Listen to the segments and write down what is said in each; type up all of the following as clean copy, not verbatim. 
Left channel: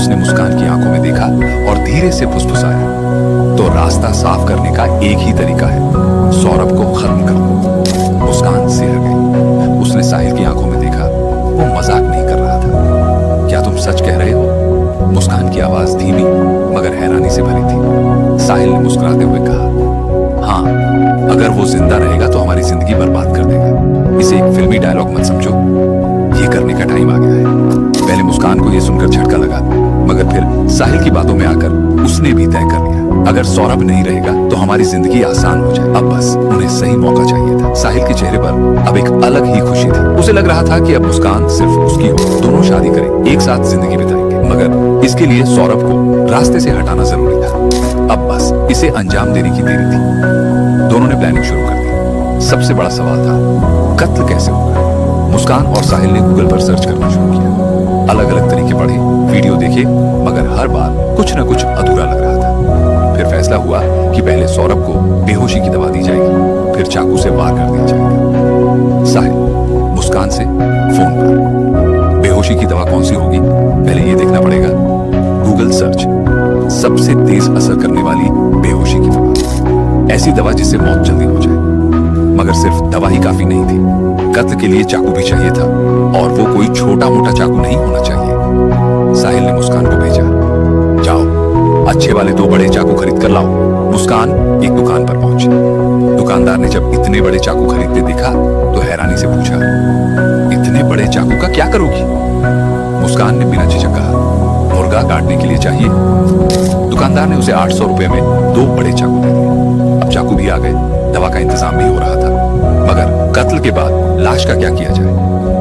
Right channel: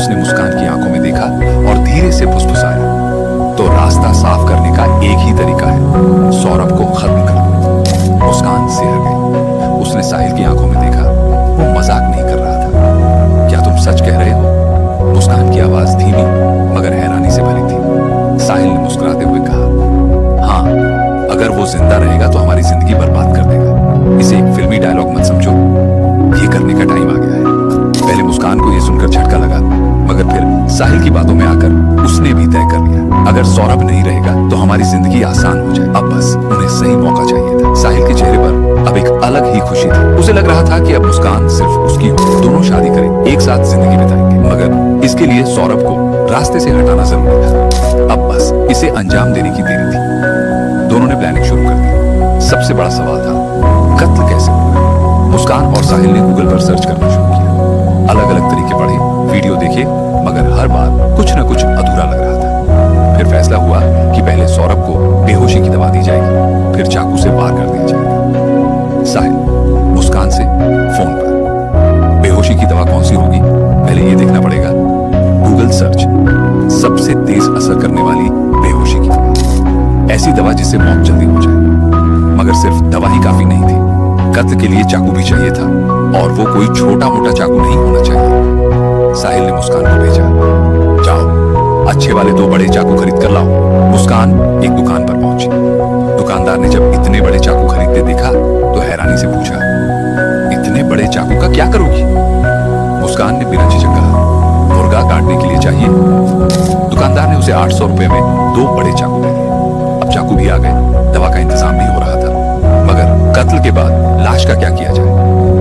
उसने मुस्कान की आंखों में देखा और धीरे से फुसफुसाया, तो रास्ता साफ करने का एक ही तरीका है, सौरभ को खत्म कर दो। मुस्कान सिहर गई। उसने साहिल की आंखों में देखा, वो मजाक नहीं कर रहा था। क्या तुम सच कह रहे हो? मुस्कान की आवाज धीमी मगर हैरानी से भरी थी। साहिल ने मुस्कुराते हुए कहा, हाँ, अगर वो जिंदा रहेगा तो हमारी जिंदगी बर्बाद कर देगा। इसे एक फिल्मी डायलॉग मत समझो, ये करने का टाइम आ गया है। पहले मुस्कान को यह सुनकर झटका लगा, मगर फिर साहिल की बातों में आकर उसने भी तय कर लिया, अगर सौरभ नहीं रहेगा तो हमारी जिंदगी आसान हो जाए। अब बस उन्हें सही मौका चाहिए था। साहिल के चेहरे पर अब एक अलग ही खुशी थी। उसे लग रहा था कि अब मुस्कान सिर्फ उसकी हो, दोनों शादी करेंगे, एक साथ जिंदगी बिताएंगे। मगर इसके लिए सौरभ को रास्ते से हटाना जरूरी था। अब बस इसे अंजाम देने की देरी थी। दोनों ने प्लानिंग शुरू कर दी। सबसे बड़ा सवाल था, कत्ल कैसे होगा? मुस्कान और साहिल ने गूगल पर सर्च करना शुरू किया। अलग अलग तरीके पढ़े, वीडियो देखे, मगर हर बार कुछ न कुछ अधूरा लग रहा था। फिर फैसला हुआ कि पहले सौरभ को बेहोशी की दवा दी जाएगी, फिर चाकू से वार कर दिया जाएगा। साहिल मुस्कान से फोन पर, बेहोशी की दवा कौन सी होगी? पहले ये देखना पड़ेगा। गूगल सर्च, सबसे तेज असर करने वाली बेहोशी की दवा, ऐसी दवा जिससे मौत जल्दी हो जाए। मगर सिर्फ दवा ही काफी नहीं थी, कत्ल के लिए चाकू भी चाहिए था, और वो कोई छोटा मोटा चाकू नहीं होना चाहिए। साहिल ने मुस्कान को भेजा, जाओ अच्छे वाले 2 बड़े चाकू खरीद कर लाओ। मुस्कान एक दुकान पर पहुंची। दुकानदार ने जब इतने बड़े चाकू खरीदते देखा तो हैरानी से पूछा, इतने बड़े चाकू का क्या करोगी? मुस्कान ने बिना झिझक कहा, मुर्गा काटने के लिए चाहिए। दुकानदार ने उसे 800 रुपए में 2 बड़े चाकू दे दिए। अब चाकू भी आ गए, दवा का इंतजाम भी हो रहा था। मगर कत्ल के बाद लाश का क्या किया जाए?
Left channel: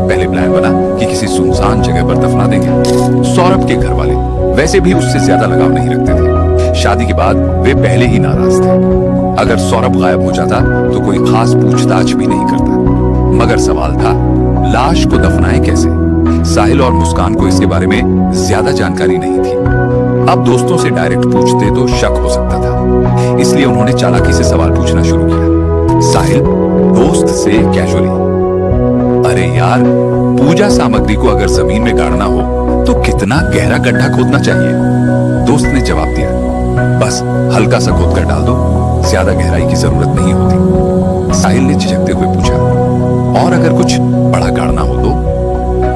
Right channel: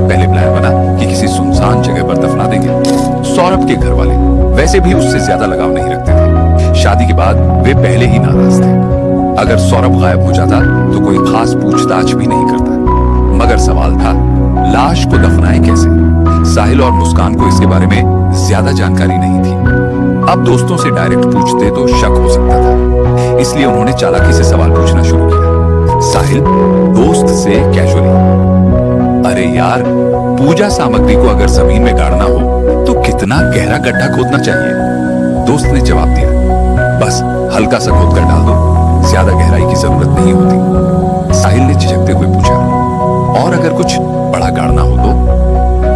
पहले प्लान बना कि किसी सुनसान जगह पर दफना देंगे। सौरभ के घर वाले वैसे भी उससे ज्यादा लगाव नहीं रखते थे। शादी के बाद वे पहले ही नाराज थे। अगर सौरभ गायब हो जाता तो कोई खास पूछताछ भी नहीं करता। मगर सवाल था, लाश को दफनाएं कैसे? साहिल और मुस्कान को इसके बारे में ज्यादा जानकारी नहीं थी। अब दोस्तों से डायरेक्ट पूछते तो शक हो सकता था, इसलिए उन्होंने चालाकी से सवाल पूछना शुरू किया। साहिल दोस्त से कैजुअली, अरे यार, पूजा सामग्री को अगर जमीन में गाड़ना हो तो कितना गहरा गड्ढा खोदना चाहिए? दोस्त ने जवाब दिया, बस हल्का सा खोद कर डाल दो, ज्यादा गहराई की जरूरत नहीं होती। साहिल ने झिझकते हुए पूछा, और अगर कुछ बड़ा गाड़ना हो तो?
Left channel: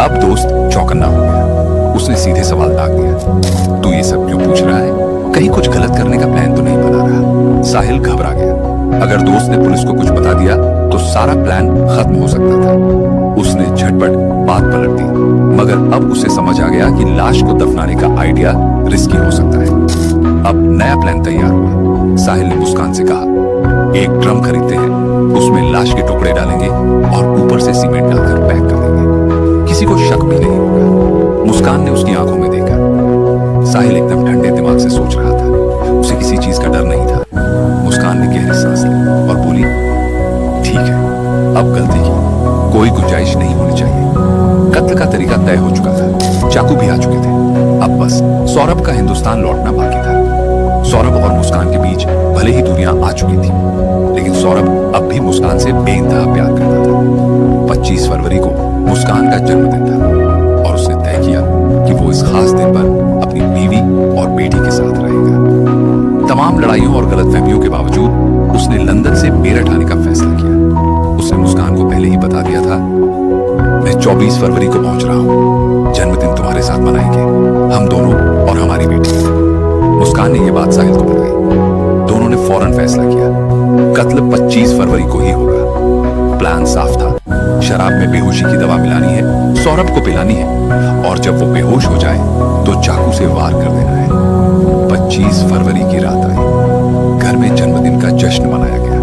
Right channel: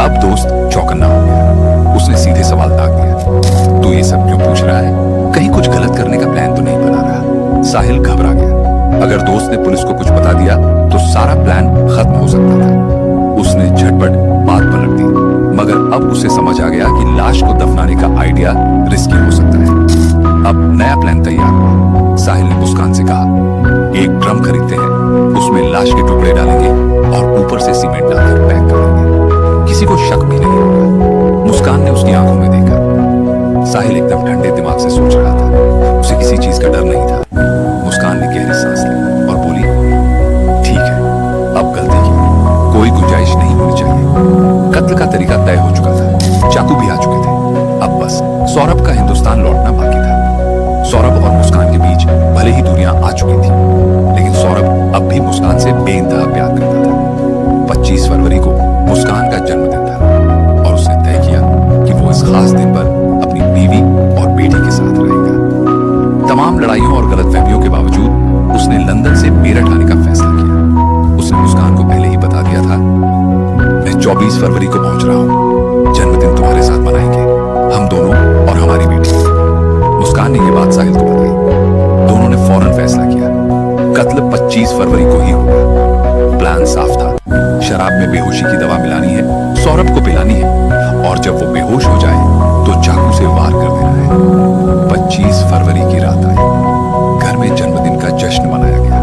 अब दोस्त चौकन्ना हो गया। उसने सीधे सवाल दाग दिया, तू ये सब क्यों पूछ रहा है? कहीं कुछ गलत करने का प्लान तो नहीं बना रहा? साहिल घबरा गया। अगर दोस्त ने पुलिस को कुछ बता दिया तो सारा प्लान खत्म हो सकता था। उसने झटपट बात पलट दी, मगर अब उसे समझ आ गया कि लाश को दफनाने का आइडिया रिस्की हो सकता है। अब नया प्लान तैयार हुआ। साहिल ने मुस्कान से कहा, एक ड्रम खरीदते हैं, उसमें लाश के टुकड़े डालेंगे और ऊपर से सीमेंट डालकर पैक कर देंगे, किसी को शक भी नहीं होगा। मुस्कान ने उसकी आंखों में देखा। साहिल एकदम ठंडे दिमाग से सोच रहा था, उसे किसी चीज का डर नहीं था। मुस्कान ने गहरी सांस ली और बोली, ठीक है, अब गलती की कोई गुंजाइश नहीं होनी चाहिए। कत्ल का तरीका तय हो चुका था, चाकू भी आ चुके थे। अब बस सौरभ का हिंदुस्तान लौटना बाकी था। सौरभ और मुस्कान के बीच भले ही दूरियां आ चुकी थी, लेकिन सौरभ अब भी मुस्कान से बेइंतहा प्यार करता था। 25 फरवरी को मुस्कान का जन्मदिन था और उसने तय किया कि वो इस खास दिन पर अपनी बीवी और बेटी के साथ रहेगा। तमाम लड़ाइयों और गलतफहमियों के बावजूद उसने लंदन से मेरठ आने का फैसला किया। उसने मुस्कान को पहले ही बता दिया था, मैं 24 फरवरी को पहुंच रहा हूं, जन्मदिन तुम्हारे साथ मनाएंगे, हम दोनों और हमारी बेटी। मुस्कान ने यह बात साहिल को बताई। दोनों ने फौरन फैसला किया, कत्ल 25 फरवरी को ही होगा। प्लान साफ था, शराब में बेहोशी की दवा मिलानी है, सौरभ को पिलानी है, और जब वो बेहोश हो जाए तो चाकू से वार कर देना है। 25 फरवरी की रात आई। घर में जन्मदिन का जश्न मनाया गया।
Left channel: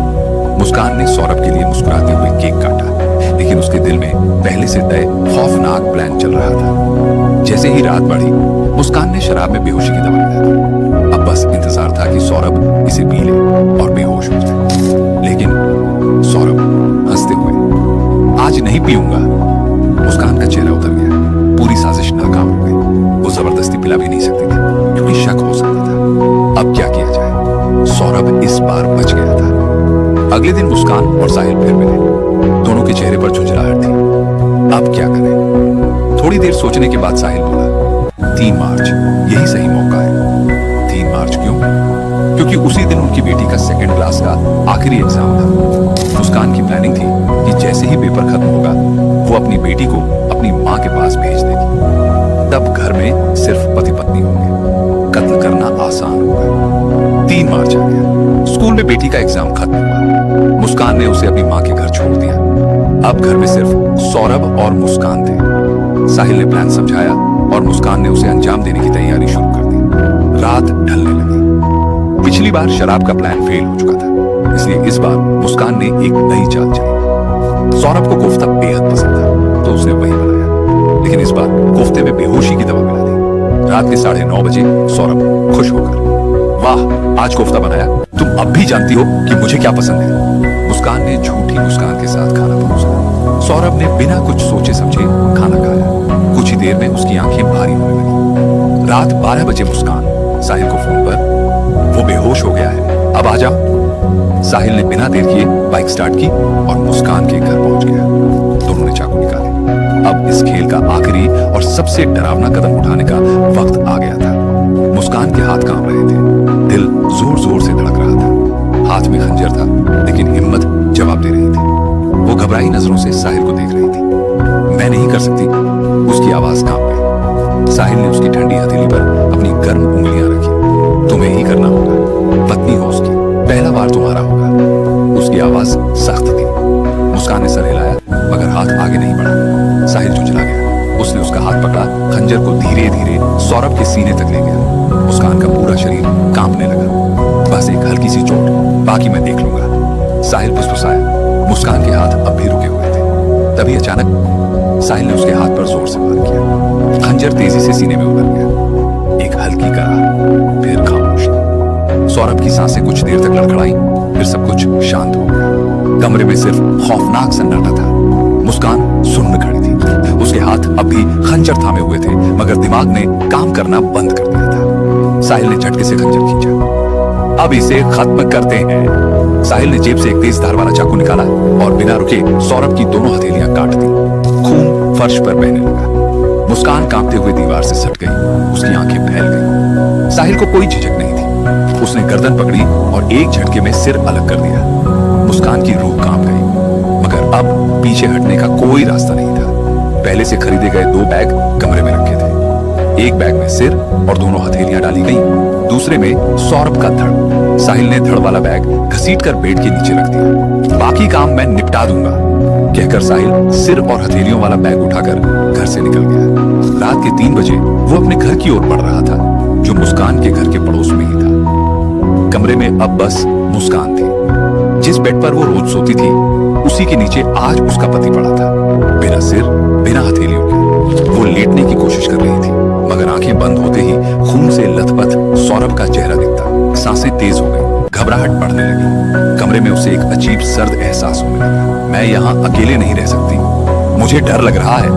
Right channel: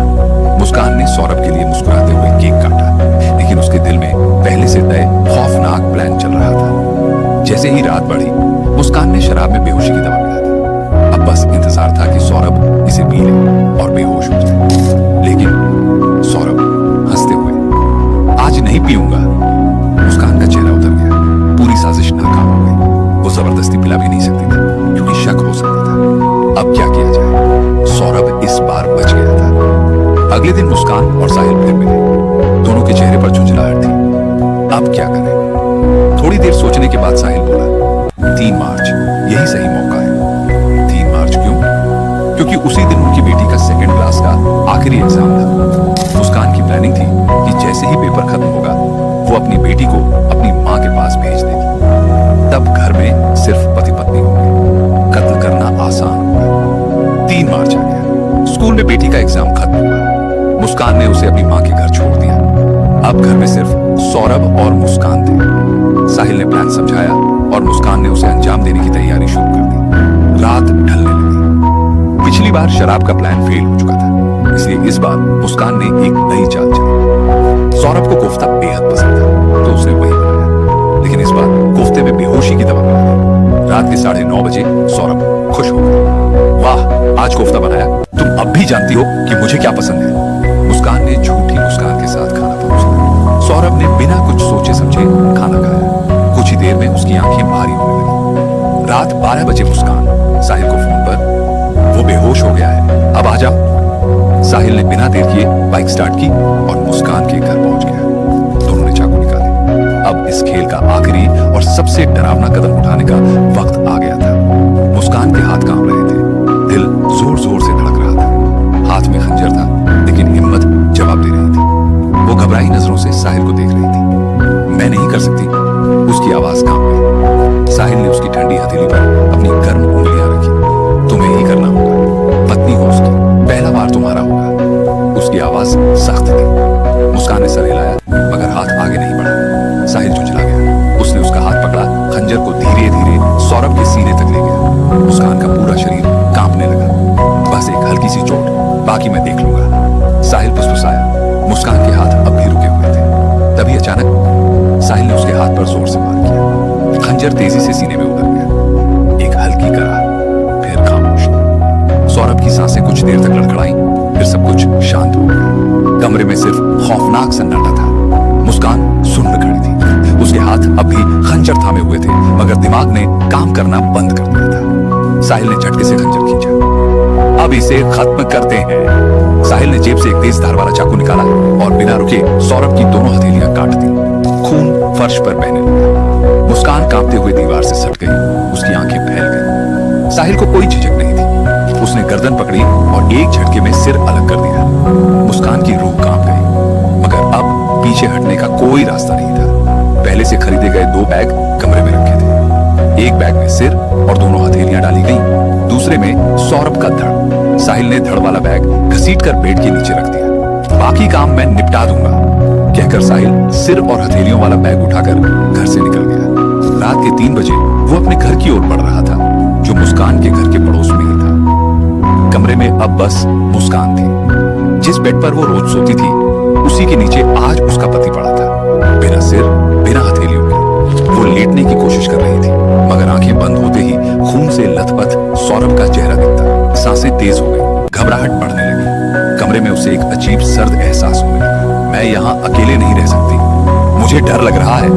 मुस्कान ने सौरभ के लिए मुस्कुराते हुए केक काटा, लेकिन उसके दिल में पहले से तय खौफनाक प्लान चल रहा था। जैसे ही रात बढ़ी, मुस्कान ने शराब में बेहोशी की दवा मिला दी। अब बस इंतजार था कि सौरभ इसे पी ले और बेहोश हो जाए। लेकिन सौरभ हंसते हुए, आज नहीं पीऊंगा। मुस्कान का चेहरा उतर गया। पूरी साजिश नाकाम हो गई। वो जबरदस्ती पिला भी नहीं सकती थी, क्योंकि शक हो सकता था। अब क्या किया जाए? सौरभ इस बार बच गया था। अगले दिन मुस्कान और साहिल फिर मिले। दोनों के चेहरे पर झुंझलाहट थी। अब क्या करें? थोड़ी देर सोचने के बाद साहिल बोला, 3 मार्च यही सही मौका है। 3 मार्च क्यों? क्योंकि उसी दिन उनकी बेटी का सेकंड क्लास का आखिरी एग्जाम था। मुस्कान की प्लानिंग थी कि जैसे ही पेपर खत्म होगा वो अपनी बेटी को अपनी माँ के पास भेज देगी। तब घर में सिर्फ पति पत्नी होंगे, कत्ल करना आसान होगा। 3 मार्च आ गया। स्कूल में बेटी का एग्जाम खत्म हुआ। मुस्कान ने उसे अपनी माँ के घर छोड़ दिया। अब घर में सिर्फ सौरभ और मुस्कान थे। साहिल ने प्लान समझाया और मुस्कान ने उसे अंजाम देने की तैयारी शुरू कर दी। रात ढलने लगी। पिछली बार शराब का प्लान फेल हो चुका था, इसलिए इस बार मुस्कान ने एक नई चाल चली। सौरभ को कोफ्ता बेहद पसंद था, तो उसने वही बनाया, लेकिन इस बार कोफ्ते में बेहोशी की दवा मिला दी। रात के 9:30 बजे सौरभ खुश होकर, वाह आज कोफ्ता बनाया, तुम अब भी जानती हो कि मुझे क्या पसंद है। मुस्कान ने झूठी मुस्कान के साथ खाना परोसा। सौरभ ने बिना कुछ सोचे समझे खाना खाया। कुछ ही देर में उसकी आंखें भारी होने लगी। रात 12 बजे मुस्कान साहिल को फोन पर, वो बेहोश हो गया है, अब आ जाओ। साहिल ने बिना देर किए बाइक स्टार्ट की और मुस्कान के घर पहुंच गया। दोनों ने चाकू निकाले। अब इस खेल का आखिरी और सबसे डरावना कदम उठाने का वक्त आ गया था। मुस्कान के हाथ कांप रहे थे, दिल जोर जोर से धड़क रहा था। हाथ में खंजर था, लेकिन हिम्मत जवाब दे रही थी। वो घबराई नजरों से साहिल को देख रही थी। मैं नहीं कर सकती, उसकी आवाज कांप गई। साहिल ने उसकी ठंडी हथेली पर अपनी गर्म उंगलियां रखी। तुम्हें ही करना होगा, पत्नी हो उसकी, पहला बार तुम्हारा होगा। उसकी आवाज सख्त थी। मुस्कान ने सर हिलाया, मगर हाथ आगे नहीं बढ़ा। साहिल झुंझला गया। उसने उसका हाथ पकड़ा, खंजर को धीरे धीरे सौरभ के सीने तक ले गया। मुस्कान का पूरा शरीर कांपने लगा। बस एक हल्की सी चोट, बाकी मैं देख लूंगा। साहिल फुसफुसाया। मुस्कान के हाथ अब भी रुके हुए थे। तभी अचानक साहिल ने उसके हाथ पर जोर से वार किया। खंजर तेजी से सीने में उतर गया। एक हल्की करार, फिर खामोशी। सौरभ की सांसें कुछ देर तक लड़खड़ाई, फिर सब कुछ शांत हो गया। कमरे में सिर्फ खौफनाक सन्नाटा था। मुस्कान सुन्न खड़ी थी। उसके हाथ अब भी खंजर थामे हुए थे, मगर दिमाग ने काम करना बंद कर दिया था। साहिल ने झटके से खंजर खींचा। अब इसे खत्म करते हैं। साहिल ने जेब से एक तेज धार वाला चाकू निकाला और बिना रुके सौरभ की दोनों हथेलियां काट दी। खून फर्श पर बहने लगा। मुस्कान कांपते हुए दीवार से सट गई। उसकी आंखें फैल गई। साहिल को कोई झिझक नहीं थी। उसने गर्दन पकड़ी और एक झटके में सिर अलग कर दिया। मुस्कान की रूह कांप गई, मगर अब पीछे हटने का कोई रास्ता नहीं था। पहले से खरीदे गए 2 बैग कमरे में रखे थे। एक बैग में सिर और दोनों हथेलियां डाली गईं, दूसरे में सौरभ का धड़। साहिल ने धड़ वाला बैग घसीटकर बेड के नीचे रख दिया। बाकी काम मैं निपटा दूंगा, कहकर साहिल सिर और हथेलियों वाला बैग उठाकर घर से निकल गया। रात के 3 बजे वो अपने घर की ओर बढ़ रहा था, जो मुस्कान के घर के पड़ोस में ही था। कमरे में अब बस मुस्कान थी। जिस बेड पर वो रोज सोती थी, उसी के नीचे आज उसका पति पड़ा था, बिना सिर, बिना हथेलियों के। वो लेटने की कोशिश कर रही थी, मगर आंखें बंद होते ही खून से लथपथ सौरभ का चेहरा दिखता। सांसें तेज हो गई, घबराहट बढ़ने लगी। कमरे में उसे एक अजीब सर्द एहसास होने लगा। मैं यहाँ अकेले नहीं रह सकती, मुझे डर लग रहा है।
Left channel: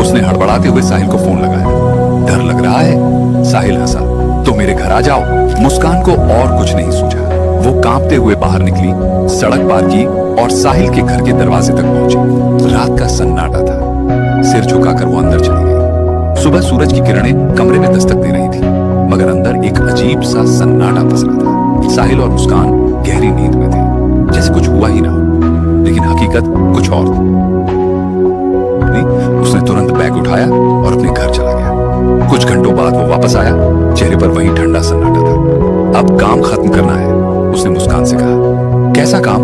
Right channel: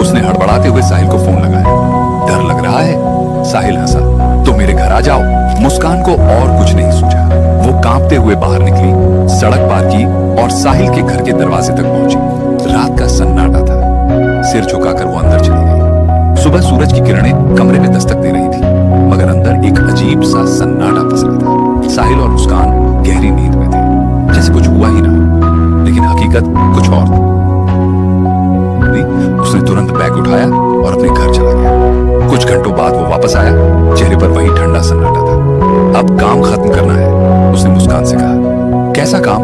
उसने हड़बड़ाते हुए साहिल को फोन लगाया। डर लग रहा है? साहिल हंसा। तो मेरे घर आ जाओ। मुस्कान को और कुछ नहीं सूझा। वो कांपते हुए बाहर निकली, सड़क पार की और साहिल के घर के दरवाजे तक पहुंची। रात का सन्नाटा था। सिर झुकाकर वो अंदर चली गई। सुबह सूरज की किरणें कमरे में दस्तक दे रही थी, मगर अंदर एक अजीब सा सन्नाटा पसरा था। साहिल और मुस्कान गहरी नींद में थे, जैसे कुछ हुआ ही ना हो, लेकिन हकीकत कुछ और थी। उसने तुरंत बैग उठाया और अपने घर चला गया। कुछ घंटों बाद वो वापस आया। चेहरे पर वही ठंडा सन्नाटा था। अब काम खत्म करना है, उसने मुस्कान से कहा। कैसा काम?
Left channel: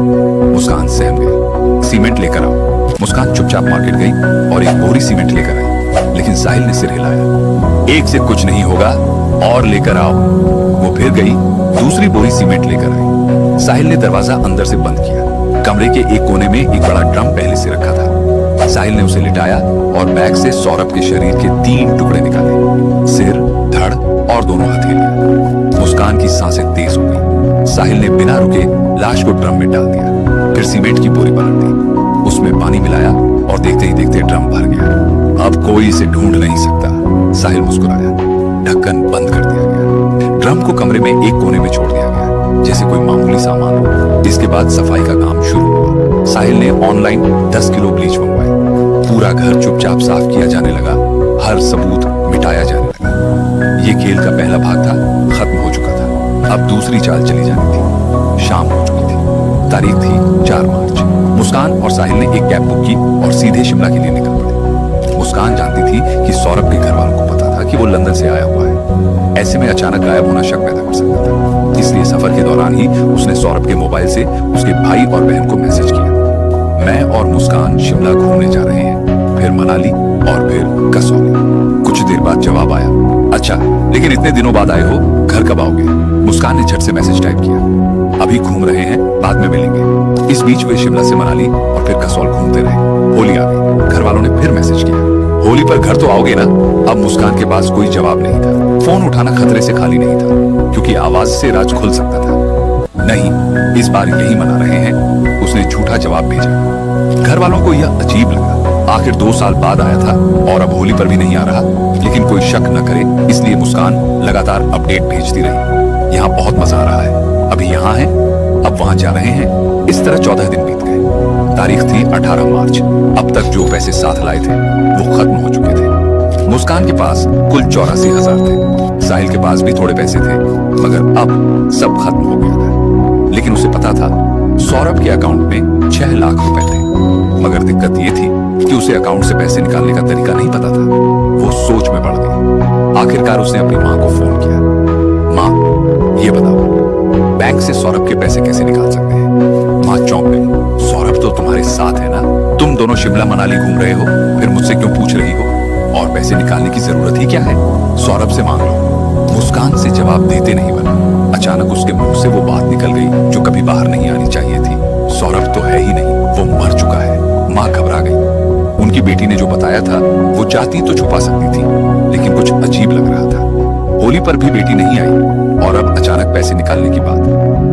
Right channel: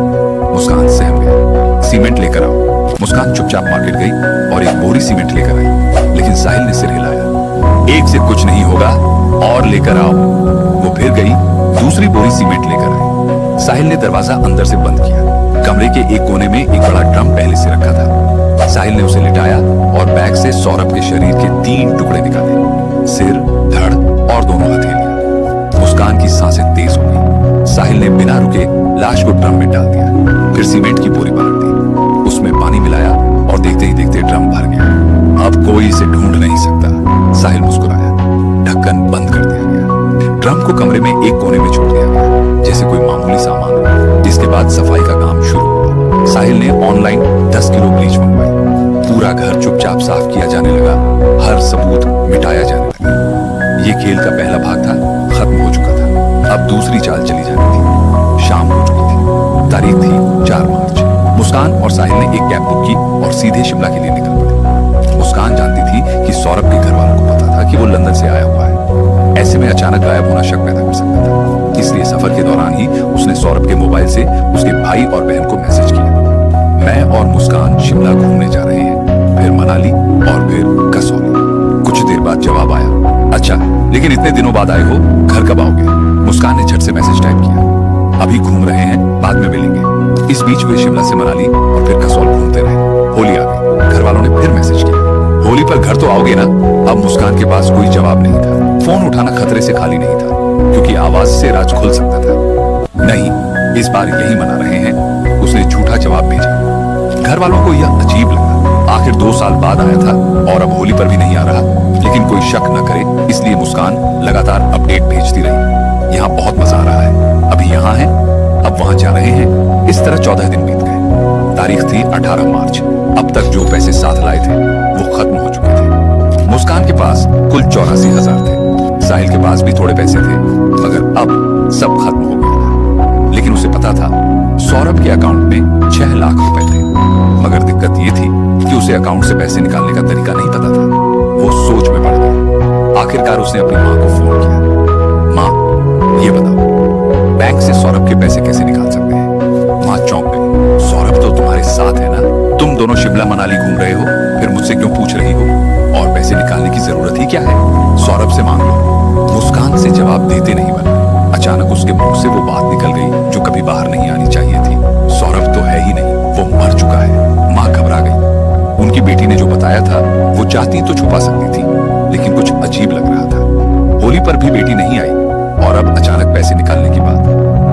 मुस्कान सहम गई। सीमेंट लेकर आओ। मुस्कान चुपचाप मार्केट गई और एक बोरी सीमेंट लेकर आई, लेकिन साहिल ने सिर हिलाया। एक से कुछ नहीं होगा, और लेकर आओ। वो फिर गई, दूसरी बोरी सीमेंट लेकर आई। साहिल ने दरवाजा अंदर से बंद किया। कमरे के एक कोने में एक बड़ा ड्रम पहले से रखा था। साहिल ने उसे लिटाया और बैग से सौरभ के शरीर के 3 टुकड़े निकाले, सिर, धड़ और दोनों हथेलियां। मुस्कान की सांसें तेज हो गई। साहिल ने बिना रुके लाश को ड्रम में डाल दिया, फिर सीमेंट की बोरी पलट दी, उसमें पानी मिलाया और देखते ही देखते ड्रम भर गया। अब कोई इसे ढूंढ नहीं सकता, साहिल मुस्कुराया। ढक्कन बंद कर दिया गया। ड्रम को कमरे में एक कोने में छोड़ दिया गया, जैसे कोई मामूली सामान हो। इसके बाद सफाई का काम शुरू हुआ। साहिल ने ऑनलाइन 10 किलो ब्लीच मंगवाई। पूरा घर चुपचाप साफ किया जाने लगा, हर सबूत मिटाया जाने लगा। ये खेल का पहला भाग था, खत्म हो चुका था। अब दूसरी चाल चली जानी थी। शाम हो चुकी थी। तारीख थी 4 मार्च। मुस्कान और साहिल ने एक कैब बुक की और सीधे शिमला के लिए निकल पड़े। मुस्कान जानती थी कि सौरभ के घर वालों को पता था कि वो लंदन से आया हुआ है। ऐसे में अचानक गायब होना शक पैदा कर सकता था, इसलिए सफर के दौरान ही उसने सौरभ के मोबाइल से उसके भाई और बहन को मैसेज किया, मैं और मुस्कान शिमला घूमने जा रहे हैं, फिर मनाली और फिर कसौली। कुछ देर बाद जवाब आया, अच्छा लेकिन इतने दिनों बाद आए हो, घर कब आओगे? मुस्कान ने झट से मैसेज टाइप किया, अभी घूम रहे हैं, बाद में मिलेंगे। इस बीच वे शिमला से मनाली और फिर कसौल घूमते रहे। होली आ गई। घर वालों ने फिर मैसेज किया, होली पर घर तो आओगे ना? अब मुस्कान के पास कोई जवाब नहीं था। फोन उठाना खतरे से खाली नहीं था, क्योंकि आवाज से राज खुल सकता था। नहीं, इस बार यही मना रहे हैं, उसने झूठा जवाब भेजा। घर वालों को यह अजीब लगा। आखिर 2 साल बाद आया था और अब होली पर भी नहीं आ रहा। लेकिन कोई शक न करे, इसलिए मुस्कान लगातार अपडेट भेजती रही। यहाँ बहुत मजा आ रहा है, अभी यहाँ है, अब वहां जा रहे हैं। इस तरह 14 दिन बीत गए। तारीख थी 18 मार्च। अब तक जो पैसे साथ लाए थे वो खत्म हो चुके थे। मुस्कान के पास कुल 84,000 थे। साहिल के पास भी थोड़े पैसे थे, मगर अब सब खत्म हो गया था। लेकिन उसे पता था सौरभ के अकाउंट में 6 लाख रुपए थे। मगर दिक्कत ये थी कि उसे अकाउंट से पैसे निकालने का तरीका नहीं पता था। वो सोच में पड़ गया। आखिरकार उसने अपनी माँ को फोन किया, माँ ये बताओ, बैंक से सौरभ के पैसे कैसे निकाल सकते हैं? माँ चौंक गई, सौरभ तो तुम्हारे साथ है ना, तुम दोनों शिमला मनाली घूम रहे हो, फिर मुझसे क्यों पूछ रही हो? और पैसे निकालने की जरूरत ही क्या है? सौरभ से मांग लो। मुस्कान से जवाब देते नहीं बना। अचानक उसके मुंह से वो बात निकल गई जो कभी बाहर नहीं आनी चाहिए थी। सौरभ तो है ही नहीं, वो मर चुका है। माँ घबरा गई। उनकी बेटी ने जो बताया था वो चाहती तो छुपा सकती थी, लेकिन कुछ अजीब लग रहा था। होली पर भी बेटी नहीं आई और अब अचानक पैसे निकालने की बात।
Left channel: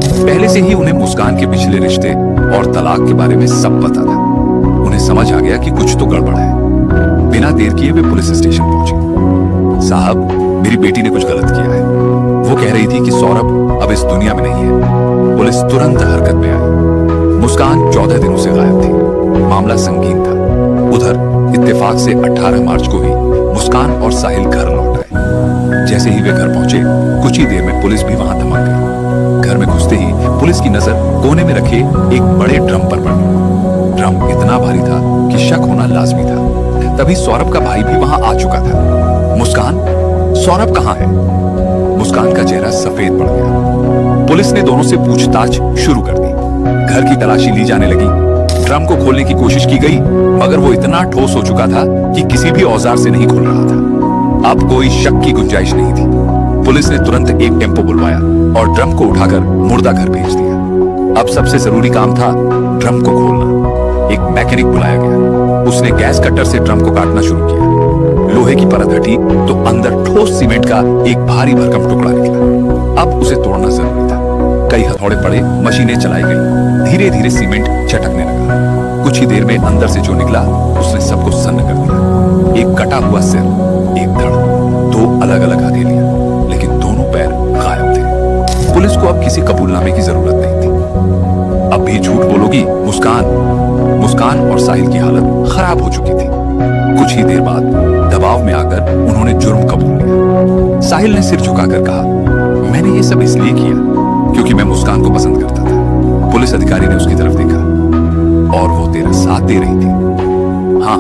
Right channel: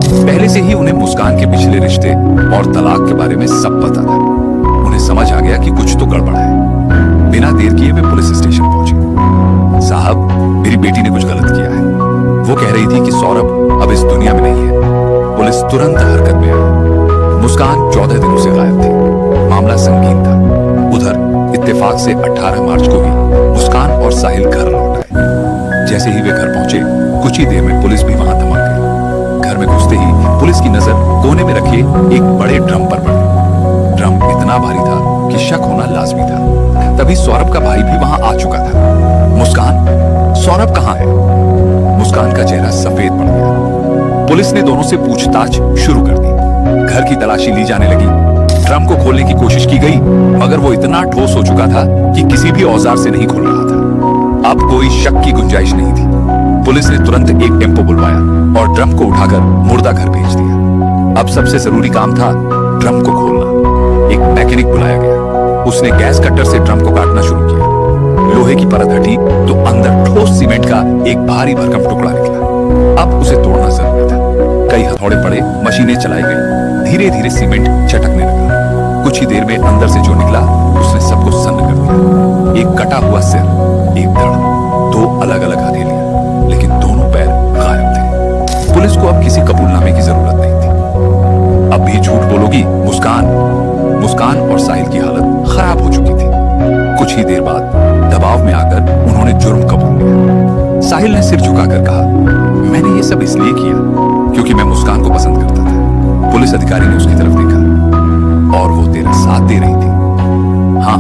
पहले से ही उन्हें मुस्कान के पिछले रिश्ते और तलाक के बारे में सब पता था। उन्हें समझ आ गया कि कुछ तो गड़बड़ है। बिना देर किए वे पुलिस स्टेशन पहुंचे। साहब, मेरी बेटी ने कुछ गलत किया है। वो कह रही थी कि सौरभ अब इस दुनिया में नहीं है। पुलिस तुरंत हरकत में आई। मुस्कान 14 दिनों से गायब थी। मामला संगीन था। उधर इत्तेफाक से 18 मार्च को ही मुस्कान और साहिल घर लौट आए। जैसे ही वे घर पहुंचे, कुछ ही देर में पुलिस भी वहां धमक गई। घर में घुसते ही पुलिस की नजर कोने में रखे एक बड़े ड्रम पर पड़ी। ड्रम इतना भारी था कि शक होना लाजमी था। तभी सौरभ का भाई भी वहां आ चुका था। मुस्कान, सौरभ कहाँ है? मुस्कान का चेहरा सफेद पड़ गया। पुलिस ने दोनों से पूछताछ शुरू कर दी। घर की तलाशी ली जाने लगी। ड्रम को खोलने की कोशिश की गई, मगर वो इतना ठोस हो चुका था कि किसी भी औजार से नहीं खुल रहा था। अब कोई शक की गुंजाइश नहीं थी। पुलिस ने तुरंत एक टेम्पो बुलवाया और ड्रम को उठाकर मुर्दा घर भेज दिया। अब सबसे जरूरी काम था ड्रम को खोलना। एक मैकेनिक बुलाया गया। उसने गैस कटर से ड्रम को काटना शुरू किया। लोहे की परत हटी तो अंदर ठोस सीमेंट का एक भारी भरकम टुकड़ा निकला। अब उसे तोड़ना जरूरी था। कई हथौड़े पड़े, मशीनें चलाई गई। धीरे धीरे सीमेंट चटकने लगा। कुछ ही देर में अंदर से जो निकला उसने सबको सन्न कर दिया। एक कटा हुआ सिर, एक धड़, 2 अलग अलग हथेलियां, लेकिन दोनों पैर गायब थे। पुलिस को अब किसी कबूलनामे की जरूरत नहीं थी। अब भी झूठ बोलोगी मुस्कान? मुस्कान और साहिल की हालत खराब हो चुकी थी। कुछ ही देर बाद दबाव में आकर उन्होंने जुर्म कबूल लिया। साहिल ने सिर झुकाकर कहा, मैंने ये सब इसलिए किया क्योंकि मैं मुस्कान को पसंद करता था। पुलिस अधिकारी ने उसकी तरफ देखा, और वो तेरा साथ दे रही थी? हाँ,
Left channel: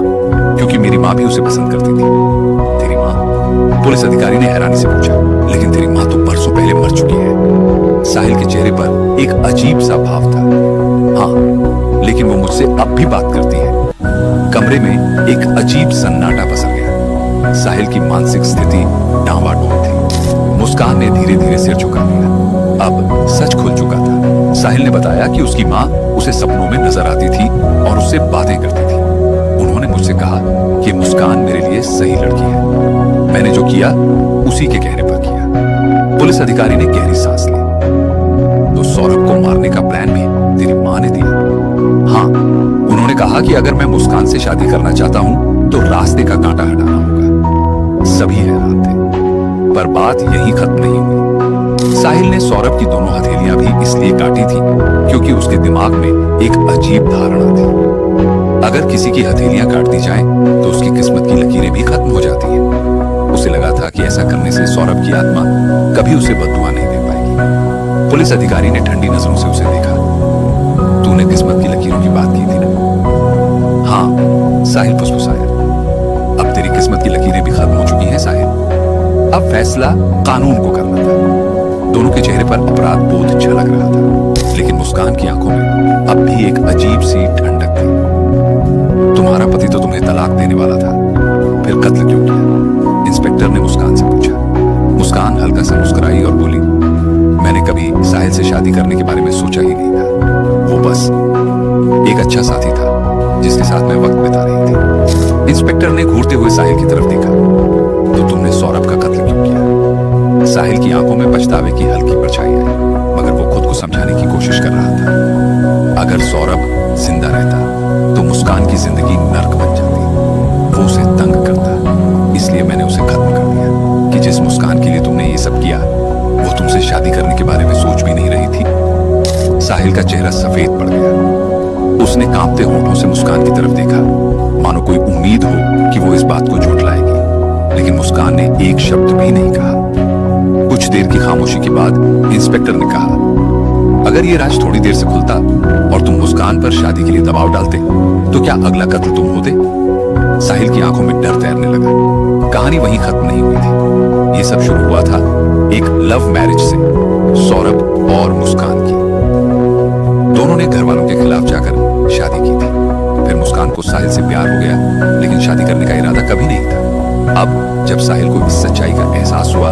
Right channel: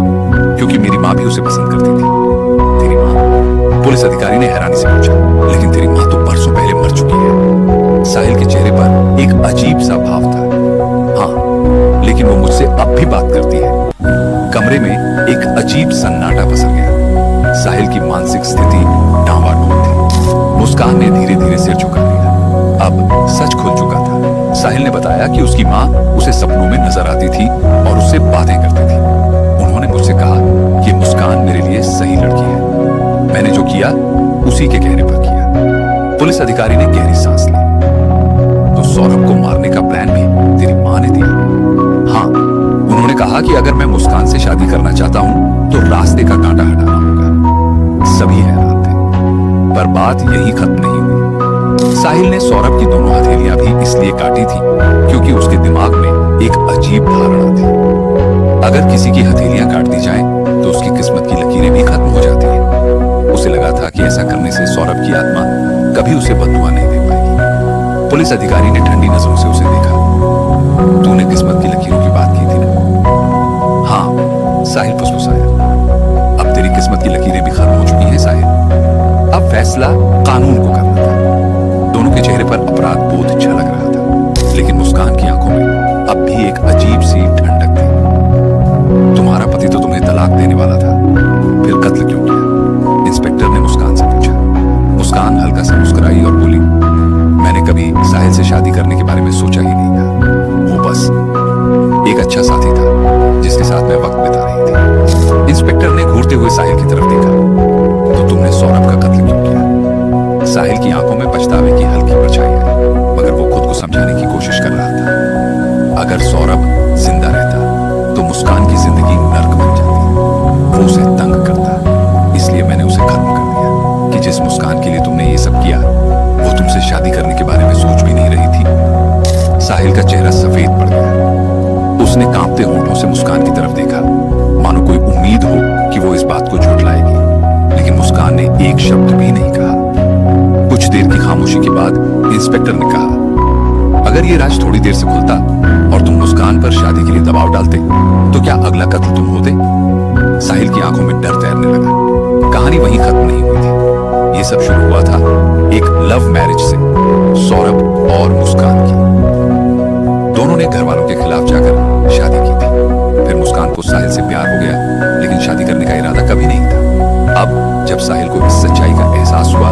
क्योंकि मेरी माँ भी उसे पसंद करती थी। तेरी माँ? पुलिस अधिकारी ने हैरानी से पूछा, लेकिन तेरी माँ तो परसों पहले मर चुकी है। साहिल के चेहरे पर एक अजीब सा भाव था। हाँ, लेकिन वो मुझसे अब भी बात करती है। कमरे में एक अजीब सन्नाटा पसर गया। साहिल की मानसिक स्थिति डामाडोल थी। मुस्कान ने धीरे धीरे सिर झुका लिया। अब सच खुल चुका था। साहिल ने बताया कि उसकी माँ उसे सपनों में नजर आती थी और उससे बातें करती थी। उन्होंने मुझसे कहा कि मुस्कान मेरे लिए सही लड़की है। मैंने जो किया उसी के कहने पर किया। पुलिस अधिकारी ने गहरी सांस ली। तो सौरभ को मारने का प्लान भी तेरी माँ ने दिया? हाँ, उन्होंने कहा कि अगर मैं मुस्कान से शादी करना चाहता हूं तो रास्ते का कांटा हटाना होगा। सभी हैरान थे, पर बात यही खत्म नहीं हुई। साहिल ने सौरभ की दोनों हथेलियां भी इसलिए काटी थी क्योंकि उसके दिमाग में एक अजीब धारणा थी, अगर किसी की हथेलियां काट दी जाएं तो उसकी किस्मत की लकीरें भी खत्म हो जाती हैं। उसे लगा था कि ऐसा करने से सौरभ की आत्मा कभी उसे बददुआ नहीं दे पाएगी। पुलिस अधिकारी ने ठंडी नजरों से उसे देखा। तूने किस्मत की लकीरों की बात की थी ना? हाँ, साहिल फुसफुसाया। अब तेरी किस्मत की लकीरें भी खत्म हो चुकी हैं साहिल। अब फैसला कानून को करना था। दोनों के चेहरे पर अपराध बोध झलक रहा था, लेकिन मुस्कान की आंखों में अब भी एक अजीब सी ठंडक थी। तुम्हारा पति तो तुम्हें तलाक देने वाला था, फिर कत्ल क्यों किया? इंस्पेक्टर ने मुस्कान से पूछा। मुस्कान हल्का सा मुस्कुराई और बोली, मैंने कभी साहिल से शादी करने के बारे में सोचा ही नहीं था। वो बस एक अच्छा साथी था जिसके साथ मैं वक्त बिता रही थी। इंस्पेक्टर ने घूरते हुए साहिल की तरफ देखा। तो तुमने सौरभ का कत्ल क्यों किया? साहिल की आंखों में पछतावे की हल्की परछाई आई, मगर वो खुद को समझाने की कोशिश कर रहा था। अगर सौरभ जिंदा रहता तो मुस्कान की जिंदगी नर्क बन जाती। वो उसे तंग करता, इसलिए मैंने उसे खत्म कर दिया। कि जिस मुस्कान के लिए तुमने ये सब किया, वो तुमसे शादी करने के बारे में सोच भी नहीं रही थी। साहिल का चेहरा सफेद पड़ गया। उसने कांपते होंठों से मुस्कान की तरफ देखा, मानो कोई उम्मीद हो कि वो इस बात को झुठलाएगी, लेकिन मुस्कान ने एक शब्द भी नहीं कहा। कुछ देर की खामोशी के बाद इंस्पेक्टर ने कहा, अगर ये राज थोड़ी देर से खुलता और तुम मुस्कान पर शादी के लिए दबाव डालते, तो क्या अगला कत्ल तुम होते? साहिल की आंखों में डर तैरने लगा। कहानी वहीं खत्म नहीं हुई थी। ये सब शुरू हुआ था एक लव मैरिज से, सौरभ और मुस्कान की। दोनों ने घर वालों के खिलाफ जाकर शादी की थी। फिर मुस्कान को साहिल से प्यार हो गया, लेकिन शादी करने का इरादा कभी नहीं था। अब जब साहिल को इस सच्चाई का एहसास हुआ,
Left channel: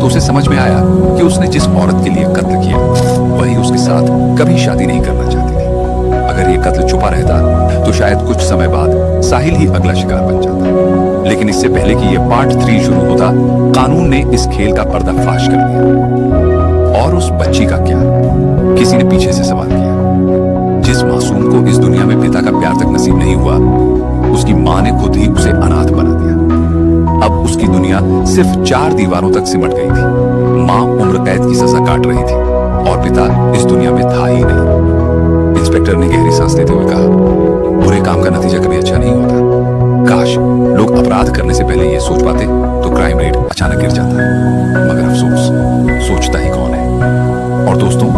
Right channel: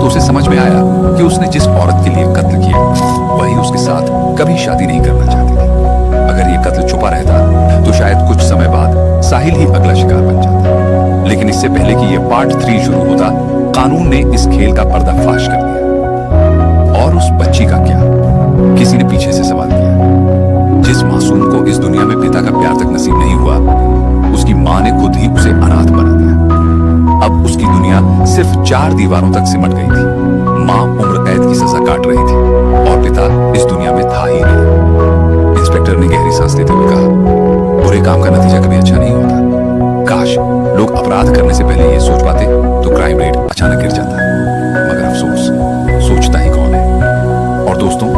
तो उसे समझ में आया कि उसने जिस औरत के लिए कत्ल किया, वही उसके साथ कभी शादी नहीं करना चाहती थी। अगर ये कत्ल छुपा रहता, तो शायद कुछ समय बाद साहिल ही अगला शिकार बन जाता। लेकिन इससे पहले कि ये पार्ट 3 शुरू होता, कानून ने इस खेल का पर्दाफाश कर दिया। और उस बच्ची का क्या? किसी ने पीछे से सवाल किया। जिस मासूम को इस दुनिया में पिता का प्यार तक नसीब नहीं हुआ, उसकी मां ने खुद ही उसे अनाथ बना दिया। अब उसकी दुनिया सिर्फ 4 दीवारों तक सिमट गई थी। मां उम्र कैद की सजा काट रही थी और पिता इस दुनिया में था ही नहीं। इंस्पेक्टर ने गहरी सांस लेते हुए कहा, बुरे काम का नतीजा कभी अच्छा नहीं होता। काश लोग अपराध करने से पहले ये सोच पाते, तो क्राइम रेट अचानक गिर जाता। मगर अफसोस, सोचता ही कौन है। और दोस्तों,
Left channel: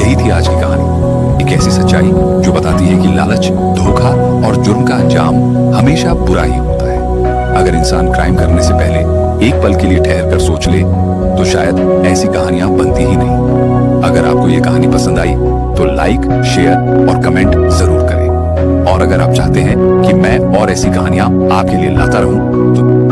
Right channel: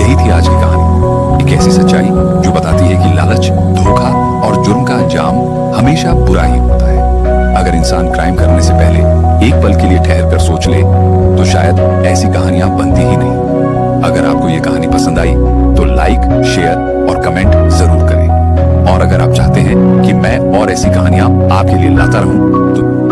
यही थी आज की कहानी। एक ऐसी सच्चाई जो बताती है कि लालच, धोखा और जुर्म का अंजाम हमेशा बुरा ही होता है। अगर इंसान क्राइम करने से पहले एक पल के लिए ठहर कर सोच ले, तो शायद ऐसी कहानियां बनती ही नहीं। अगर आपको ये कहानी पसंद आई, तो लाइक, शेयर और कमेंट जरूर करें। और अगर आप चाहते हैं कि मैं और ऐसी कहानियां आपके लिए लाता रहूं, तो